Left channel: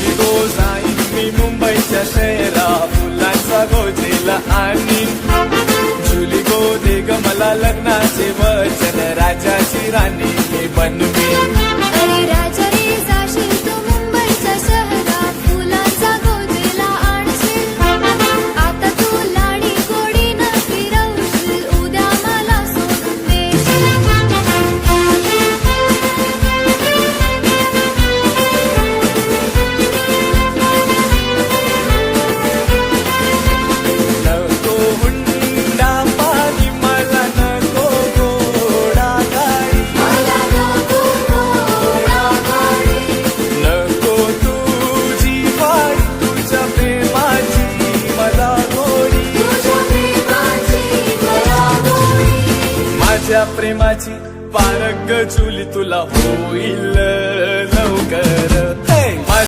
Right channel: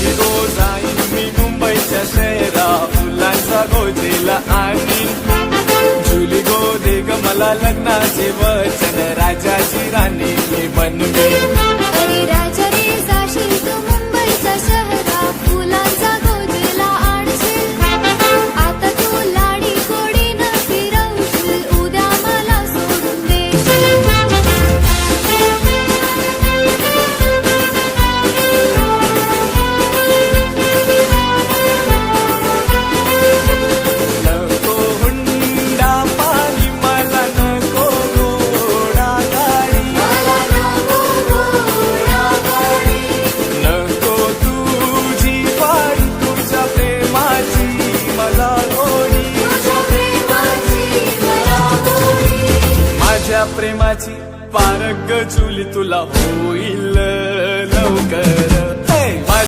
जुली गो जाईन मी मुंबईच्या शहरा फुलांचा गोजेला आणि जुली गो दे ग मला लग्नाचे वचन राजाची राणी मी बनवेन. अरे राजा रे जाशील तू मुंबईच्या शहरा फुलांचा गोजेला आणशील. आता तू लाडी गोडीनं फिरवशील उद्या मला सोडून देशील. नको हुंडा पाणी मला नको घोडा गाडी. नको तुझी वाडी तुझ्या प्रेमाची मला गोडी. माझ्या प्रेमाची पारख जुली तुला होईल लवकर.